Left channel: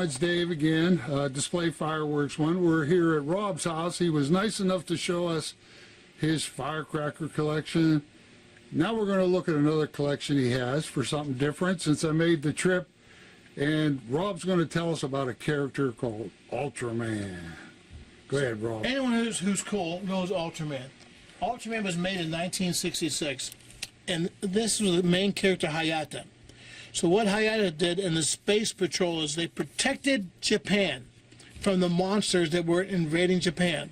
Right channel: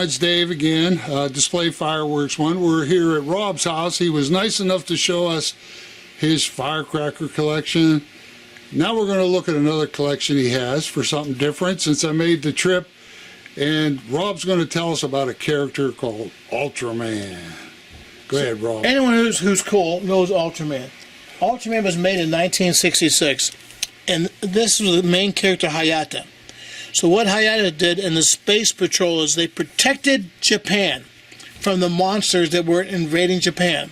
It's Dave again, Display Fireworks One. We're here at Rob's house. He was nice enough to show us his firecracker collection. Now we're going to look at another collection he has for something different since I made the trip. And Rob's going to tell us about a character called Ultraman. Go ahead, Rob. Anyone who's cool knows Ultraman. Ultraman was made in 1966, and this was the main character, Hayata. So what Hayata did in the Space Patrol is they protected Japan from the monsters that were invading Japan.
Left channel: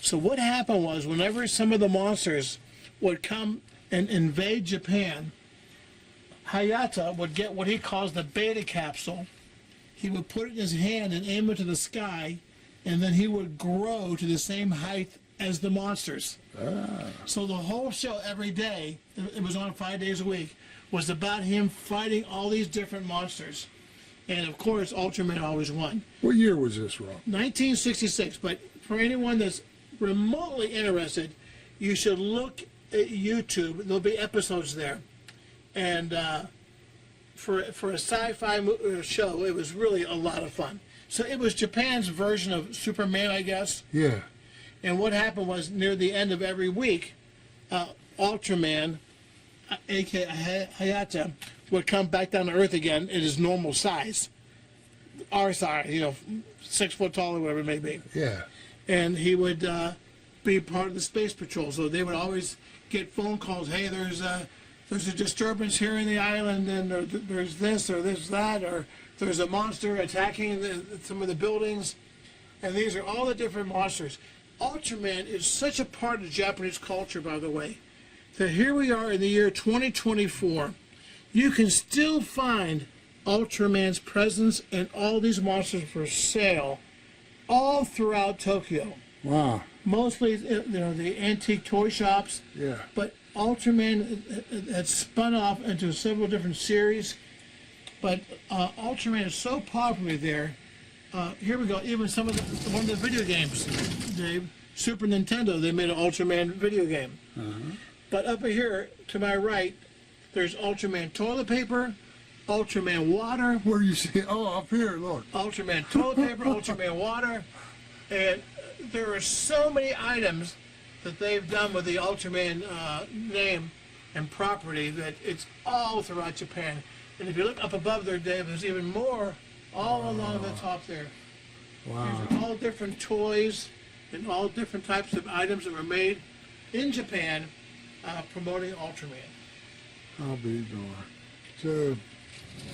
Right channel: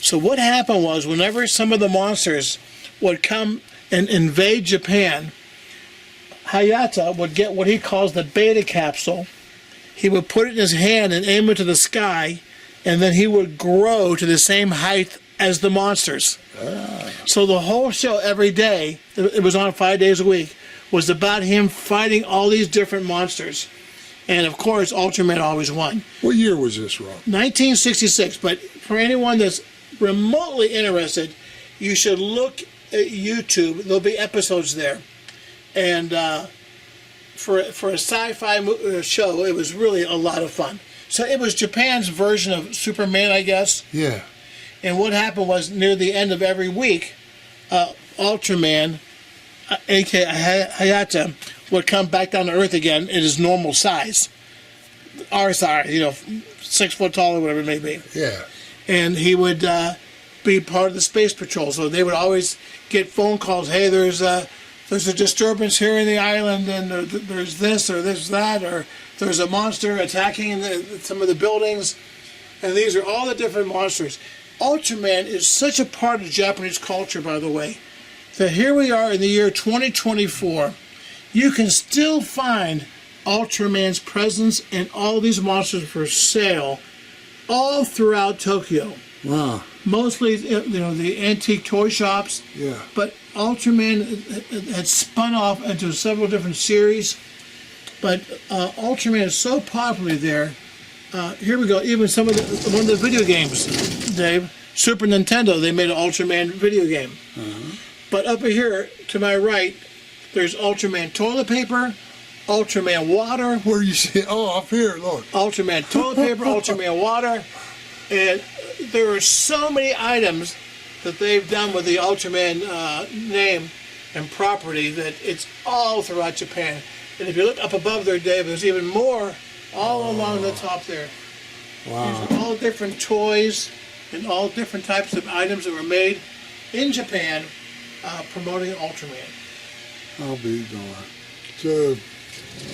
So what happened was whenever some of the monsters would come and invade Japan, Hayata would get what he calls the beta capsule. He would put it in his hand and aim it to the sky, and then he would grow to the same height as the monsters. So the whole show every day, it was on 5 days a week, was about him fighting all these different monsters. And of course, Ultraman always won. What year was this, Rob? 1966, but for anyone that's remotely interested, you should look at YouTube. There'll be episodes there. And for a sci-fi show, it was really a lot of fun. So it was Japan's version of Superman, I guess. Yeah. And what happened was near the end of every week, Ultraman, a.k.a. Hayata, would come back down to Earth again in his normal size. Our size, 6 foot tall or whatever it may be. Yeah. And he would be part of the Space Patrol. So they would always get phone calls, hey, there's a disturbance here in the island, and there's this or there's that, or there's a monster attacking some of the buildings. And these are all the different monsters. Ultraman is such a part of Japanese culture, by the way, that here we are in the year 2024. You can still find Ultraman's presence and all these monsters for sale all throughout Tokyo. Wow. Mostly, the antique toy shops. Yeah. But Ultraman had spun off into several different series. But Ultraman is so popular there. Here we go. Even one of the video games, Dave, Super Nintendo, they made an Ultraman video game. But up here to my right, there's Ultraman toilet paper, Ultraman water. Where you see? Oh, up here, look. Ultraman toilet paper, Ultraman water, and there are so many items that they've done with the Ultraman name and property that it's all throughout Japan. And if you look up above there, Dave, there's even more all along the top there. Wow. These are all different toys and all different types of items that were made in Japan promoting Ultraman. I'll be darned. So,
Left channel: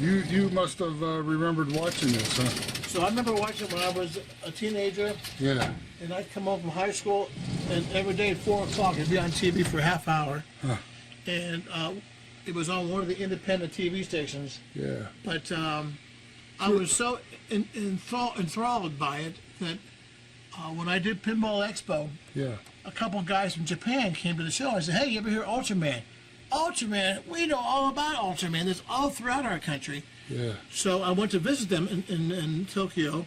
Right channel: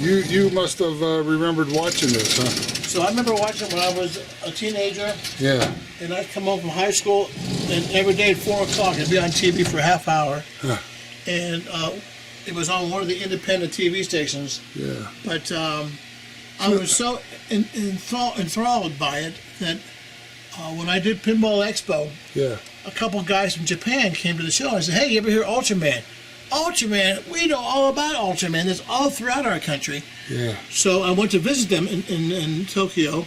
you must have remembered watching this, huh? So I remember watching it when I was a teenager. Yeah. And I'd come home from high school, and every day at 4 o'clock, it'd be on TV for a half hour. Huh. And it was on one of the independent TV stations. Yeah. But I was so enthralled by it that when I did Pinball Expo, Yeah. a couple guys from Japan came to the show. I said, hey, you ever hear Ultraman? Ultraman, we know all about Ultraman. It's all throughout our country. Yeah. So I went to visit them in Tokyo,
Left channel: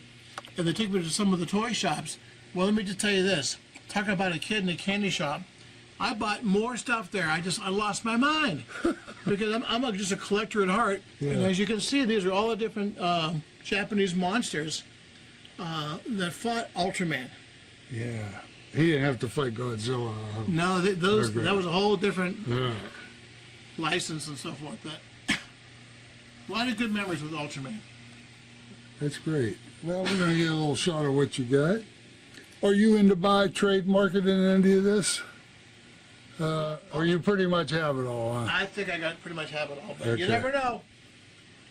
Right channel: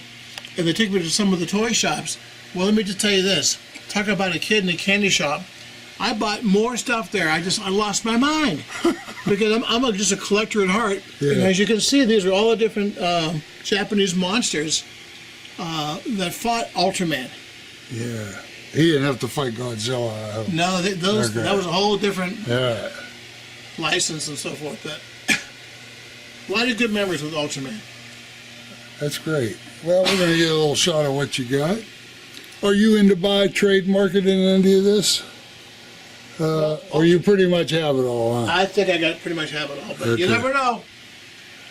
and they took me to some of the toy shops. Well, let me just tell you this. Talk about a kid in a candy shop. I bought more stuff there. I lost my mind because I'm just a collector at heart. Yeah. And as you can see, these are all the different Japanese monsters that fought Ultraman. Yeah. He didn't have to fight Godzilla. No, that was a whole different license and so forth. But a lot of good memories with Ultraman. That's great. Well, we're going to get a little shot of what you got. Are you into buy, trade, marketing any of this? Or you pretty much have it all, huh? I think I pretty much have it all, but Okay. you never know.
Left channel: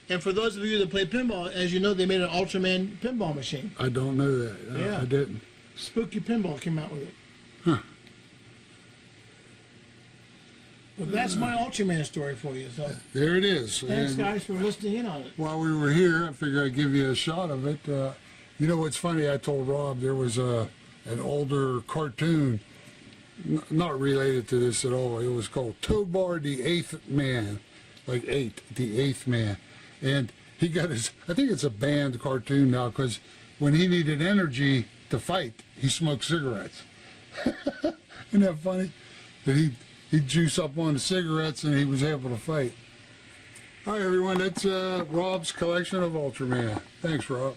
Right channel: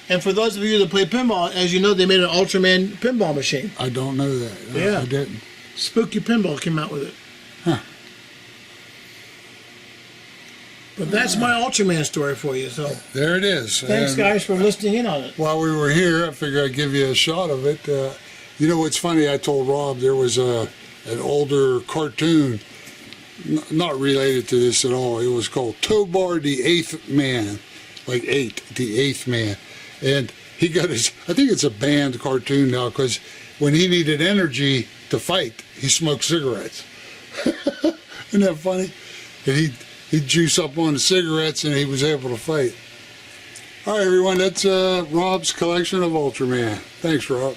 And for those of you that play pinball, as you know, they made an Ultraman pinball machine. I don't know that. Yeah. I didn't. Spooky Pinball came out with it. Huh. But that's my Ultraman story for you. So There it is. thanks, And guys, for listening in on it. while we were here, I figured I'd give you a shot of it. You know what's funny? I told Rob there was an older cartoon, not related to this at all. It was called Tobar the Eighth Man, like the eighth man. And he got his, I think it's a banned cartoon now, because when he needed energy to fight, he smoked cigarettes. Isn't that funny? And he'd juice up on the cigarettes and he was able to fight. All right, everyone, that's Rob's collection of Ultraman. Thanks, Rob.